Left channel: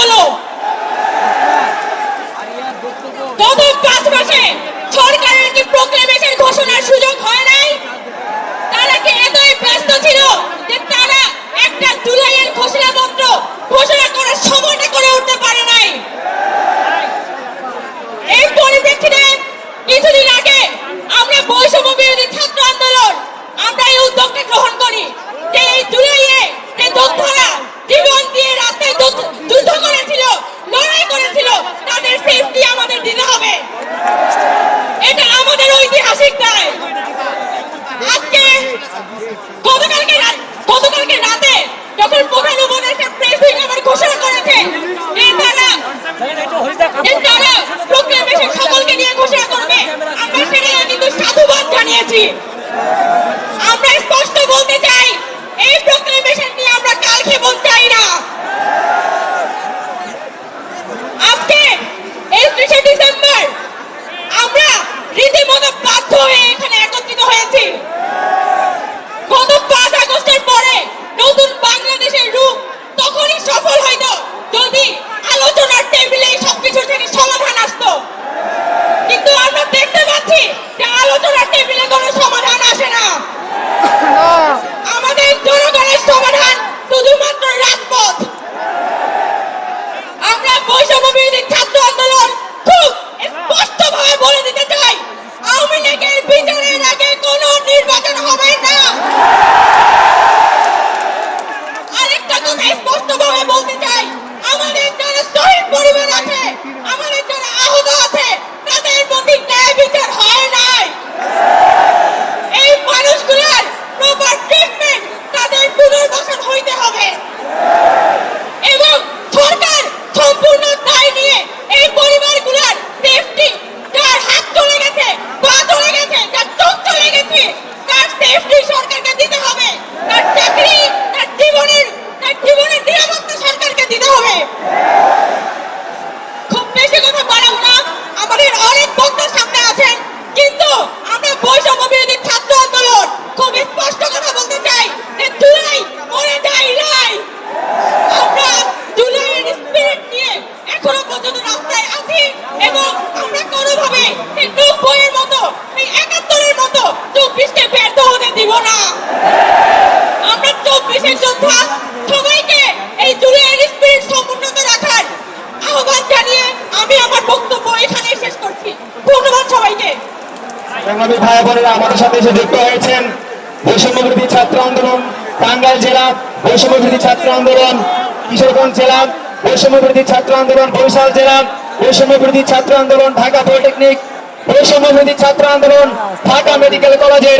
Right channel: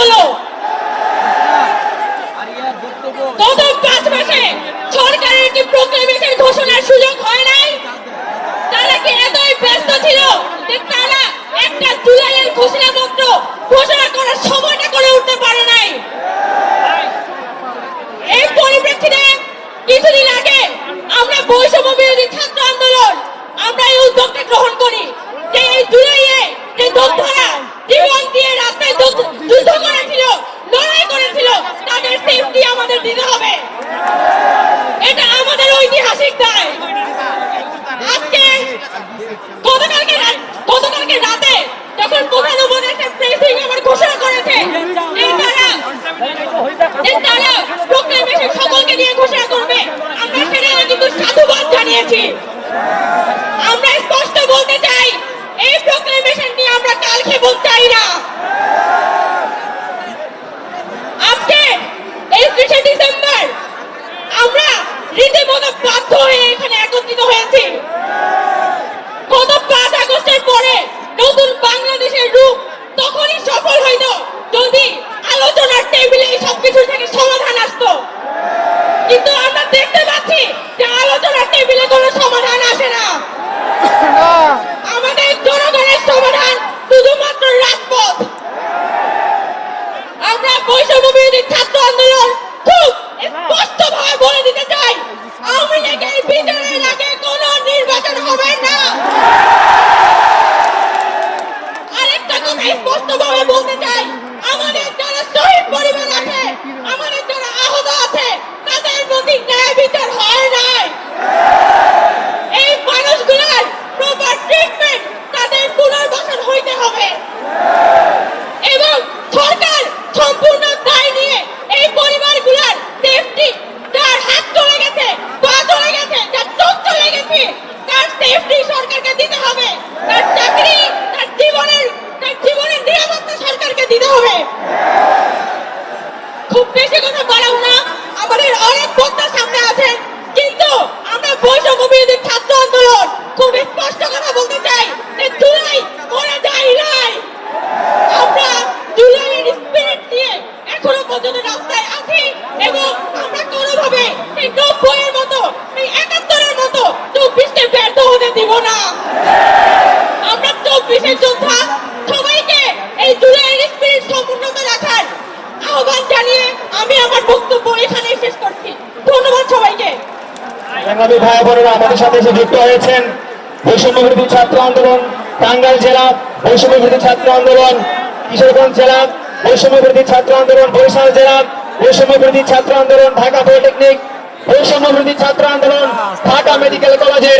হলো? গত 5 মাসে সরকারের কি প্রোক্লেমেশন ঘোষণার সুযোগ হয় নাই? তারা কি এতই ব্যস্ত ছিল যে তারা একটা জুলাইয়ের ঘোষণাপত্র ঘোষণা করার সময়টা করে উঠতে পারে নাই? এই পরিপ্রেক্ষিতে কিছুদিন আগে আমরা বৈষম্য বিরোধী ছাত্র আন্দোলন আমরা এই উদ্যোগটা গ্রহণ করি যে এই জুলাইয়ে যে যোদ্ধারা জীবন দিয়ে রাস্তায় যুদ্ধ করেছিল, লড়াই করেছিল, তাদের সেফটি আমাদের দিতে হবে। এটা আমাদের ঐতিহাসিক দায়। আজকে গতকালকে রাতে যখন প্রধান উপদেষ্টা প্রেসিং আবার ঘোষণা করেছে যে তারা প্রোক্লেমেশন সকলকে নিয়ে ঘোষণা করবে, আমরা সেটাকে কিন্তু সাধুবাদ জানিয়েছি। আমরা স্পষ্ট বলতে চাই এই প্রোক্লেমেশন নিয়ে আমরা কাল ক্ষেপণ চাই না। আজকে 31শে ডিসেম্বর আমরা রীতিমতো বাধ্য হয়ে এখানে একত্রিত হয়েছি। গত 5 আগস্টের পরে নতুন বাংলাদেশের রূপ তখনই সফল হইত যদি আলোচনার টেবিলে সবকিছু থেকে সমাধান আসতো। কিন্তু আমরা দেখতে পাচ্ছি যে আলোচনার টেবিলে কোনো সমাধান আসে না। আমাদের জনগণের সমাধান শুধুমাত্র রাজপথ। আমরা বৈষম্য বিরোধী ছাত্র আন্দোলন খুব স্পষ্টভাবে বলে দিতে চাই, আওয়ামী লীগের বিচারের আগে কোনো নির্বাচন হবে না। আরেকটা কথা স্পষ্টভাবে বলতে চাই, আমাদের যারা শহীদ পরিবার আছে, আমাদের যারা আহত আছে, তাদের প্রতি ন্যায় বিচার হয় নাই। এই মানুষগুলোর প্রপার ট্রিটমেন্ট, তাদের পুনর্বাসন হইতে হবে এবং সরকার সম্পূর্ণ দায় নিয়ে এই পরিবারগুলোর সেফটি, যার হাত চলে গেছে, পা চলে গেছে, যার চোখ চলে গেছে, তার সেফটি সরকারকে দিতে হবে। তার চাকরি, তার জীবনের নিরাপত্তা সরকারকে দিতে হবে। খুব বেশি কথা বাড়াবো না, আমাদের অনেক বক্তা সামনে আছেন, কিন্তু আমরা বৈষম্য বিরোধী ছাত্র আন্দোলন খুব স্পষ্ট কথা বলতে চাই যে জুলাই মরে যায় নাই। আমরা জুলাইয়ের স্পিরিট নিয়ে এখনো পর্যন্ত রাস্তায় আছি এবং আমরা কোনোভাবে এই 90-এর মতো, এই 71-এর মতো 24কে ব্যর্থ হতে দিব না। আমরা 24-এর যোদ্ধা, সবাইকে এই জুলাইয়ের স্পিরিট সমুন্নত রাখার আহ্বান জানিয়ে আমি আমার বক্তব্য এখানেই শেষ করছি। ধন্যবাদ সবাইকে। সংগ্রামী ভাই বোনেরা আমাদের সাথে এসে যুক্ত হয়েছেন বৈষম্য বিরোধী ছাত্র আন্দোলন টাঙ্গাইল জেলা, বৈষম্য বিরোধী ছাত্র আন্দোলন কিশোরগঞ্জ জেলা, বৈষম্য বিরোধী ছাত্র আন্দোলন বরিশাল জেলা, বৈষম্য বিরোধী ছাত্র আন্দোলন ঢাকা পলিটেকনিক, বৈষম্য বিরোধী ছাত্র আন্দোলন ঢাকা মেডিকেল কলেজের